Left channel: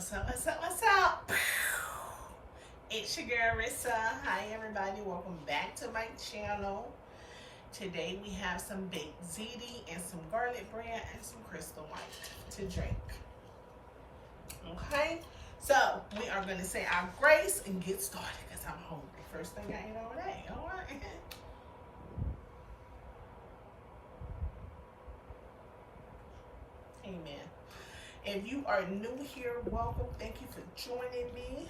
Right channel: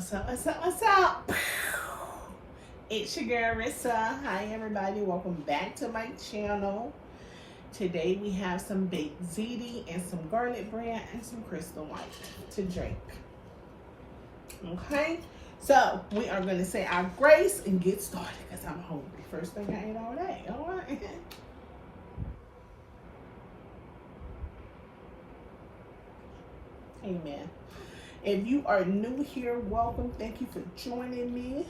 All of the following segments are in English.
What's up, what's up, what's up? It's your girl Rissa. Hi everybody, welcome back to my channel. Today we have some baked ziti and some garlic bread and some crystal light to drink. Okay, so we are going to say our grace and get started because I'm hungry. First thing I ate all day, all right? Amen. If you are new here, welcome. Thank you for joining me.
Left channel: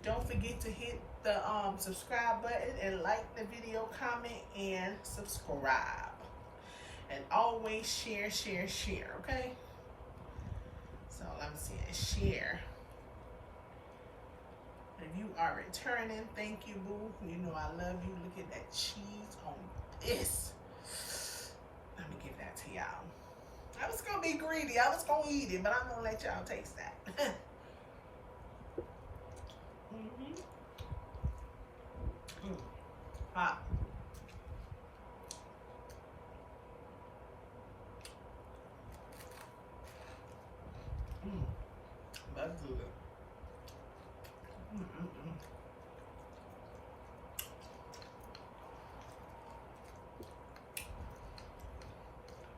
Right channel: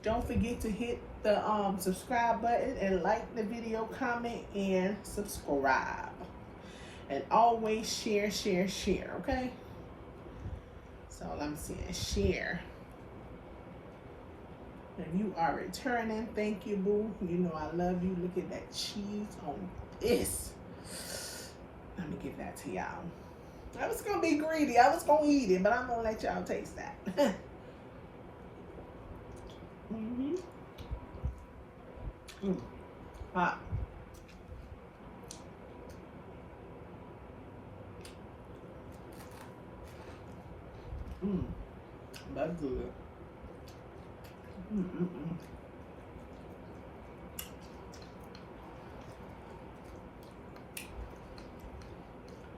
Don't forget to hit the subscribe button and like the video, comment, and subscribe. And always share, share, share, okay? So let me see, share. If you are returning, thank you, boo. You know I love you. Look at that cheese on this. Let me give that to y'all. I was gonna be greedy. I was gonna eat it, but I'm gonna let y'all taste that. Hot. That's good.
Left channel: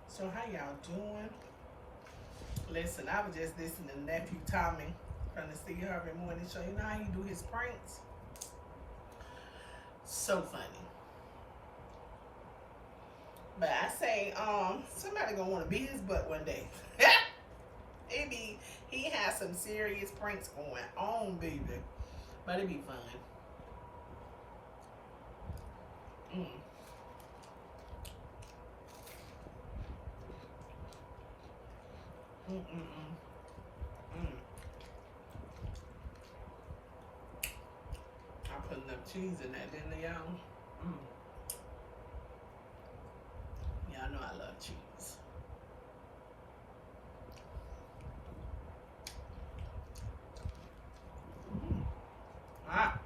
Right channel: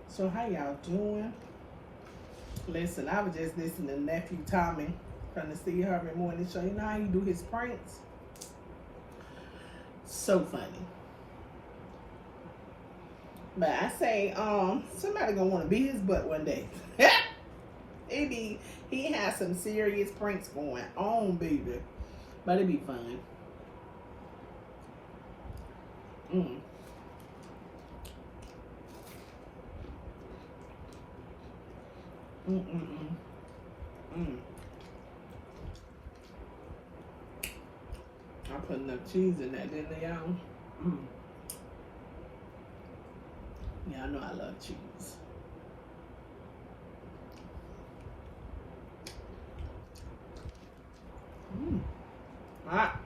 So how y'all doing? Listen, I was just listening to nephew Tommy from the Steve Harvey Morning Show. You know how he do his pranks? So funny. But I say, somebody gonna want to beat his butt one day. He has some serious pranks going on, baby. But it'd be fun. I put enough cheese in that, didn't I, y'all? Y'all know I love cheese. Hot.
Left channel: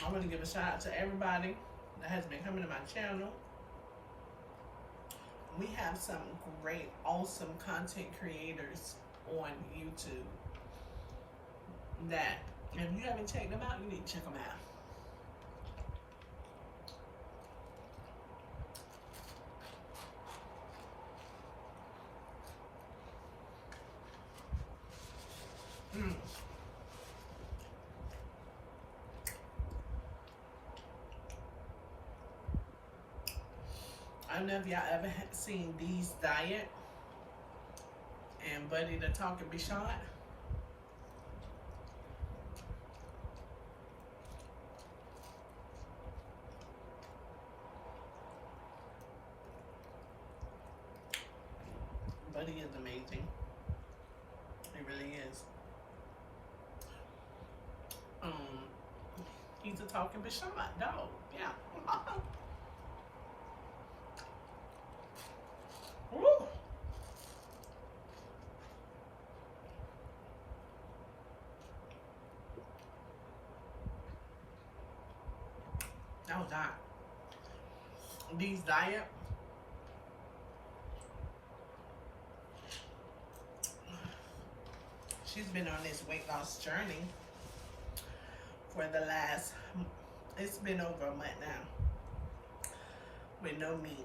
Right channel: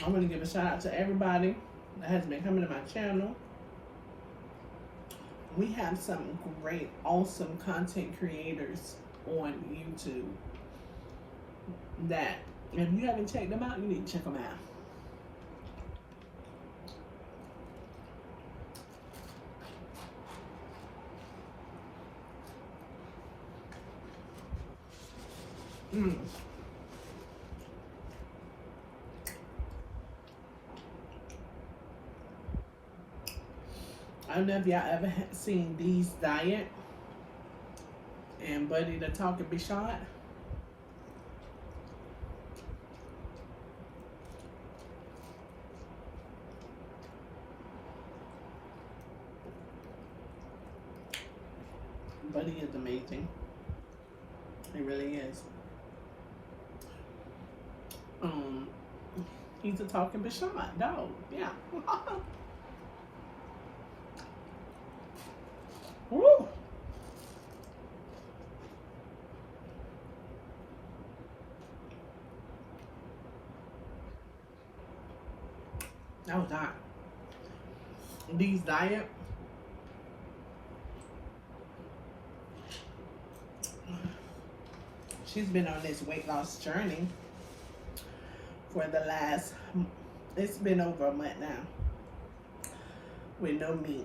I want to give a shout out to everybody that has been coming to my channel. We have some great, awesome content creators on YouTube that, if you haven't checked them out, you need to check them out. I don't know if y'all ever seen Dee's Diet and Buddy the Talking Bishot. Buddy is amazing. He really is. He's a talking Bishot dog. Yeah. Woo. That was hot. Dee's Diet. She's been on this weight loss journey for the last, it's been over a month now, with no meat.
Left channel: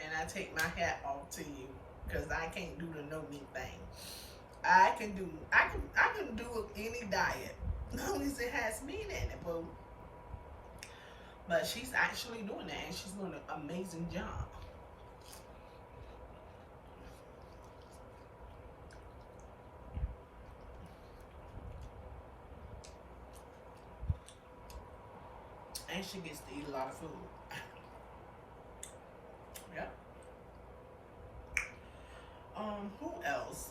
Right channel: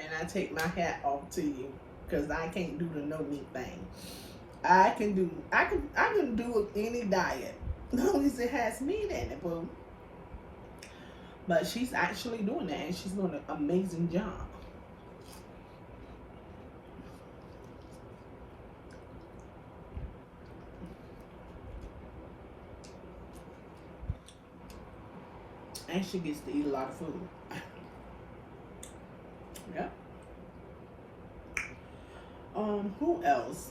And I take my hat off to you because I can't do the no meat thing. I can do any diet as long as it has meat in it, boo. But she's actually doing that, and she's doing an amazing job. And she gets to eat a lot of food. Yep. Who else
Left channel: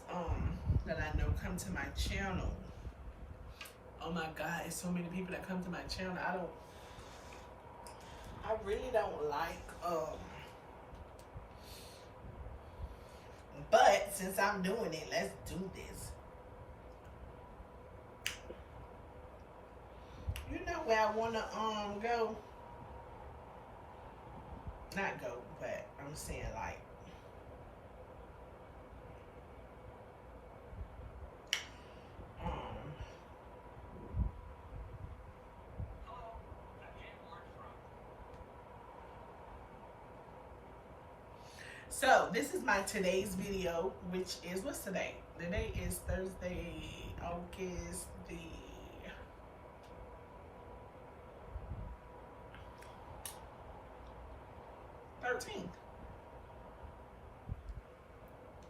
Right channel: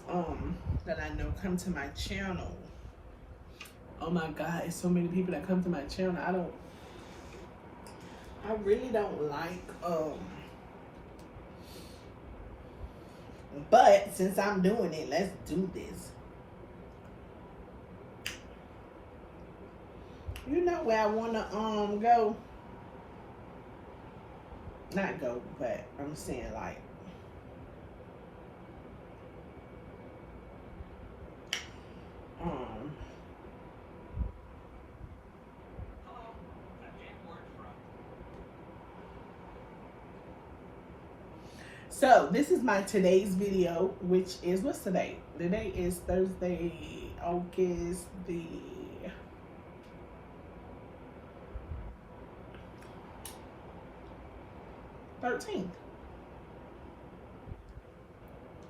that I know come to my channel? Oh my God, it's so many people that come to my channel. I really don't like but since I'm doing it, let's do this. You know where I wanna go? Not go, but I'm saying like so this is my today's video, which is, what's today? Today is Thursday, August the 13th.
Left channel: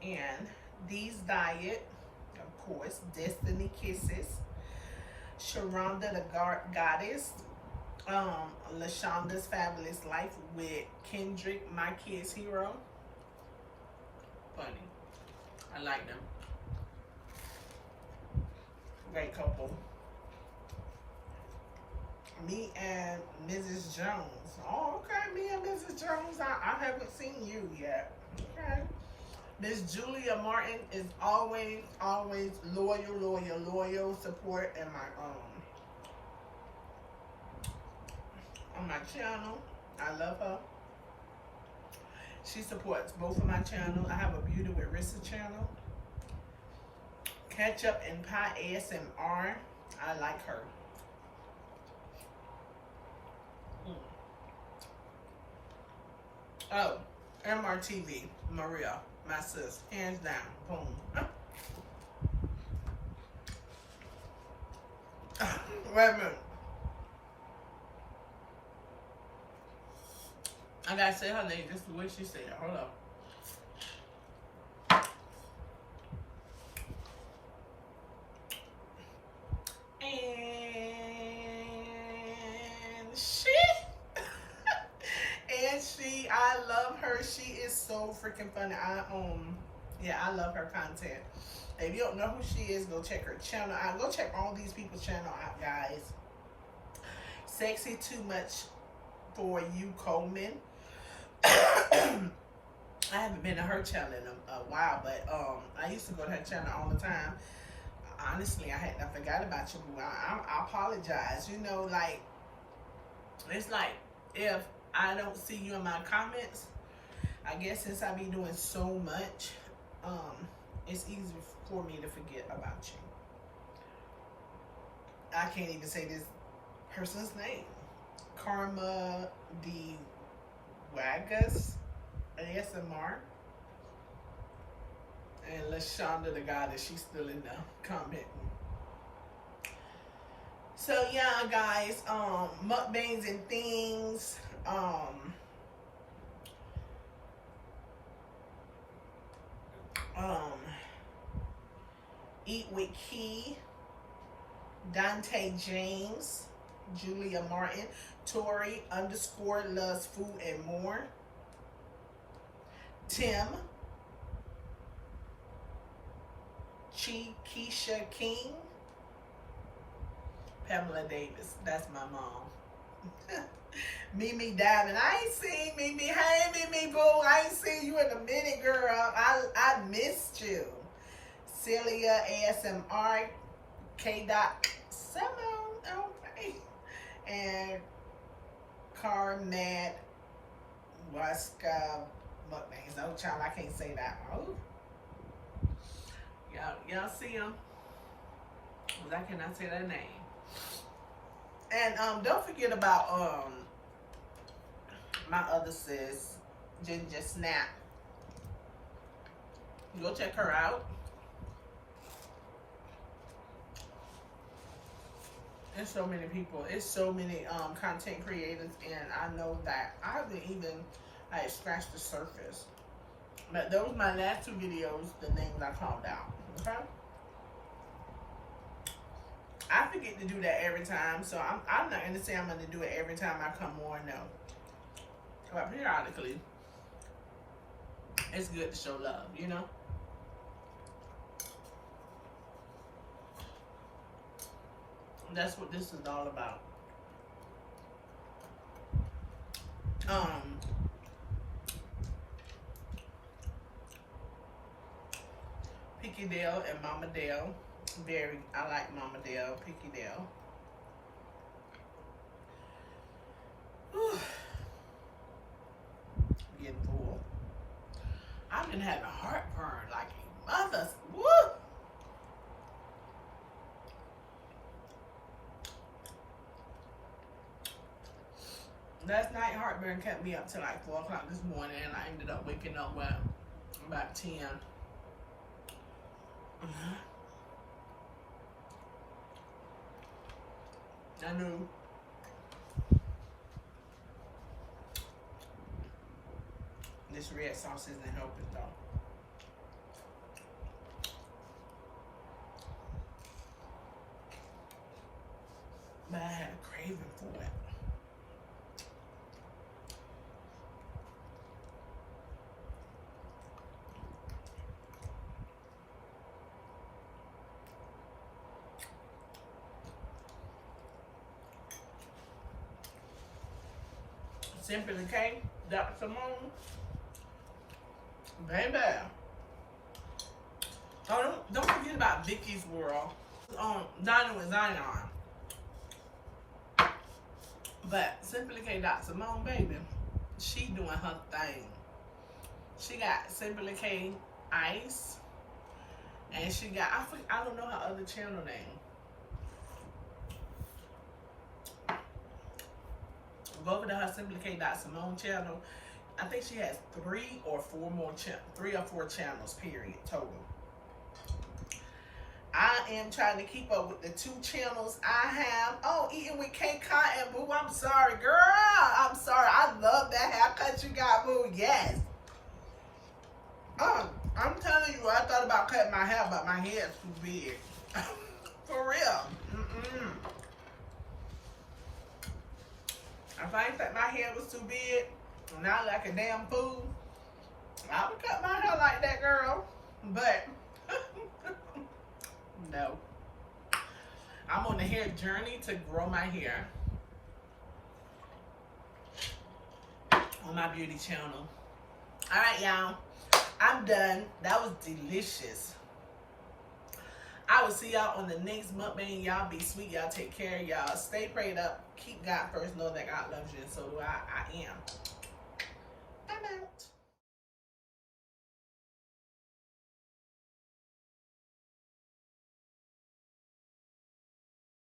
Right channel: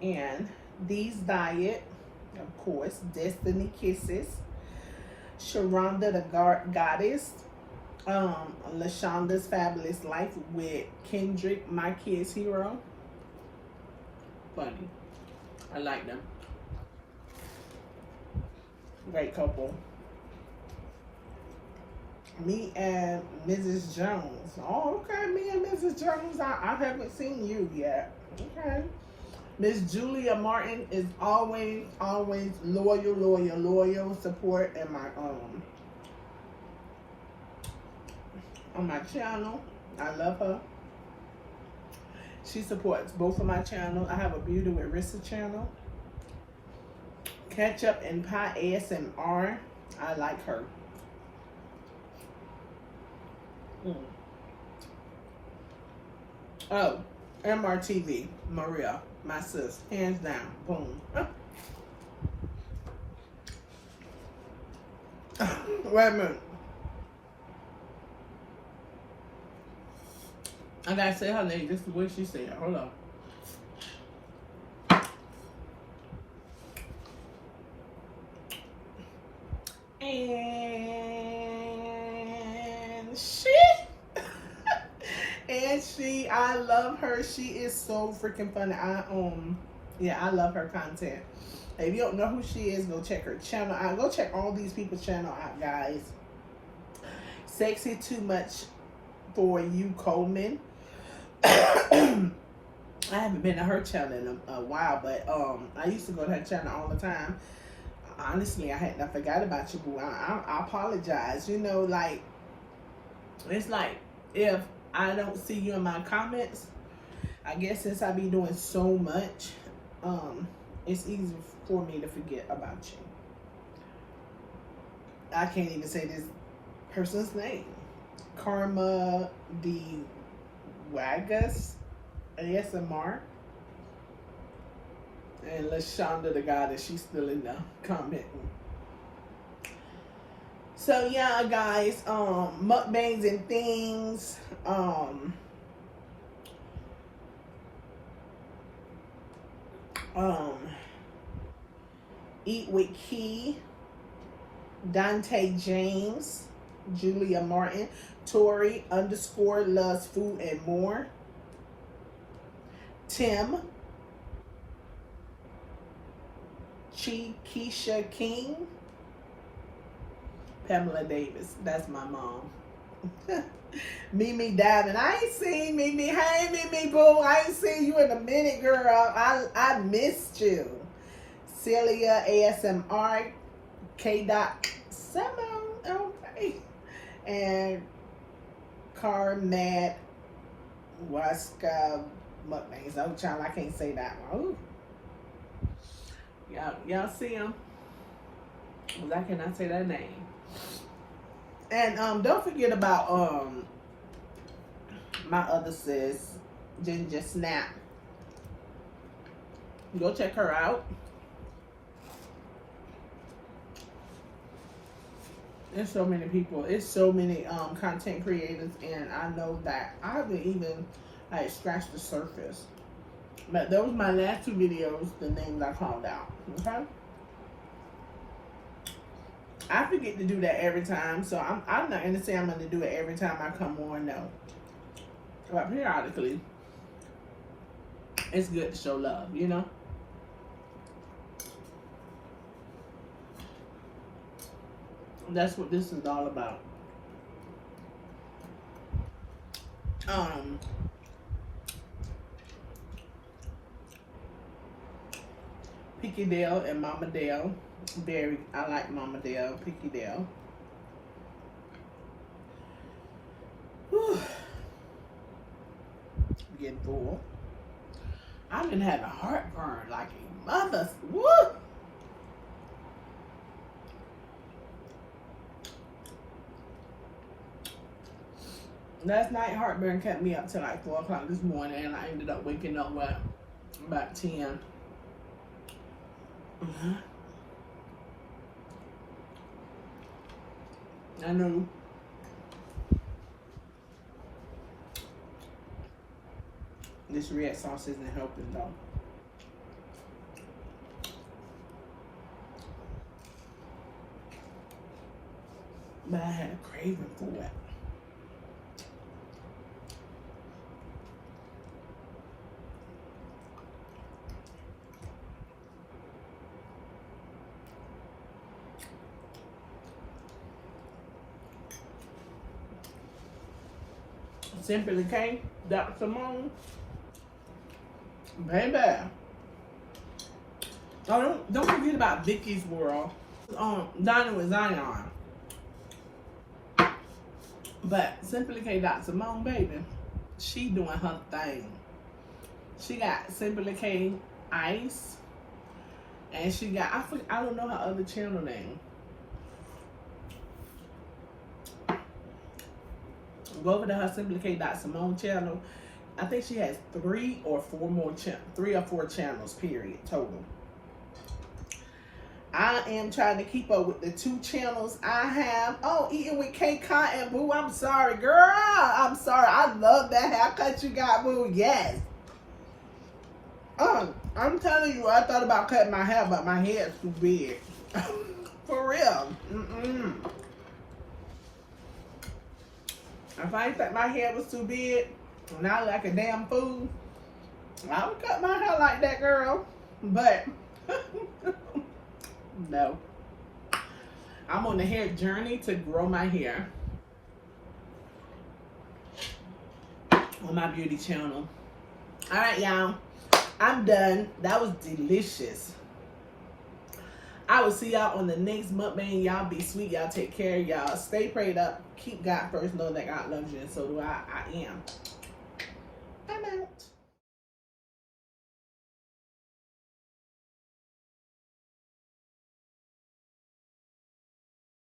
And these diet, of course, Destiny Kisses, Sharonda the Goddess, LaShonda's Fabulous Life with Kendrick, my kid's hero. Funny. I like them. Great couple. Me and Mrs. Jones. Oh, okay. Me and Mrs. Jones. I haven't seen you yet. Okay. Miss Julia Martin is always loyal support in my on my channel. I love her. She supports both of my channels. I have a Beauty with Rissa channel. Ketchup and Pie ASMR. I like her. Oh, MRTV, Maria, my sis, hands down, boom. Wait a minute. I gotta say her name just the way she said it. Hold on. I love her. She is so freaking funny. Yeah, I love her content. If you don't know who she is, go check her channel out. Go check all these people's channel out, guys. Sexy Too Much for You, Coleman. I haven't been to her channel in a while, but I used to go to her channel all the time. Honestly, I forgot about you, boo. I apologize. You know, like, it's like if I don't see you in my comments, I guess since I be doing so much, it's easy for me to forget about you. I can't even say this person's name. Karma the Wagas ASMR. And LaShonda the Goddess, she's still in the commenting. So yeah, guys, mukbangs and things. Eat with Key, Dante James, Julia Martin, Tori _ loves food and more, Tim, Keisha King, Pamela Davis, that's my mom. Mimi Diamond, I ain't seen Mimi. Hey Mimi boo, I ain't seen you in a minute, girl. I missed you. Celia ASMR, K. Simone, okay, and Carmad Waska Mukbangs. Oh child, I can't say that one. Ooh. Y'all see him? Cause I cannot say that name. And don't forget about my other sis, Ginger Snap. Go check her out. There's so many people. It's so many content creators, and I know that I haven't even like scratched the surface. But those my last two videos, the names I called out. Okay. I forget to do that every time, so I'm not gonna say I'm gonna do it every time I come on. No, but periodically, it's good to show love, you know. That's what this is all about. Picky Dale and Mama Dale. I like Mama Dale, Picky Dale. Whew. Getting full. I've been having heartburn like a mother's. Woo! Last night, heartburn kept me up till like 4 o'clock this morning, and I ended up waking up at about 10. I know. This red sauce isn't helping though. But I had a craving for it. Simply K, Dr. Simone, baby. Oh, don't forget about Vicky's World. Dining with Zion. But Simply K, Dr. Simone, baby, she doing her thing. She got Simply K Ice, and she got I don't know her other channel name. Go over to her Simply K Simone channel. I think she has 3 or 4 channels, period, total. I am trying to keep up with the 2 channels I have. Oh, Eating with K Cotton, boo. I'm sorry, girl. I'm sorry. I love that haircut you got, boo. Yes. I'm telling you, I thought about cutting my hair, but my hair is too big. For real. If I thought my hair was too big and I look like a damn fool, I would cut my hair like that, girl. But no. I'm on the hair journey to grow my hair on my beauty channel. All right, y'all. I'm done. That was delicious. I will see y'all on the next mukbang. Y'all be sweet. Y'all take care. Y'all stay prayed up. Keep God first. Know that God loves you, and so do I. I am.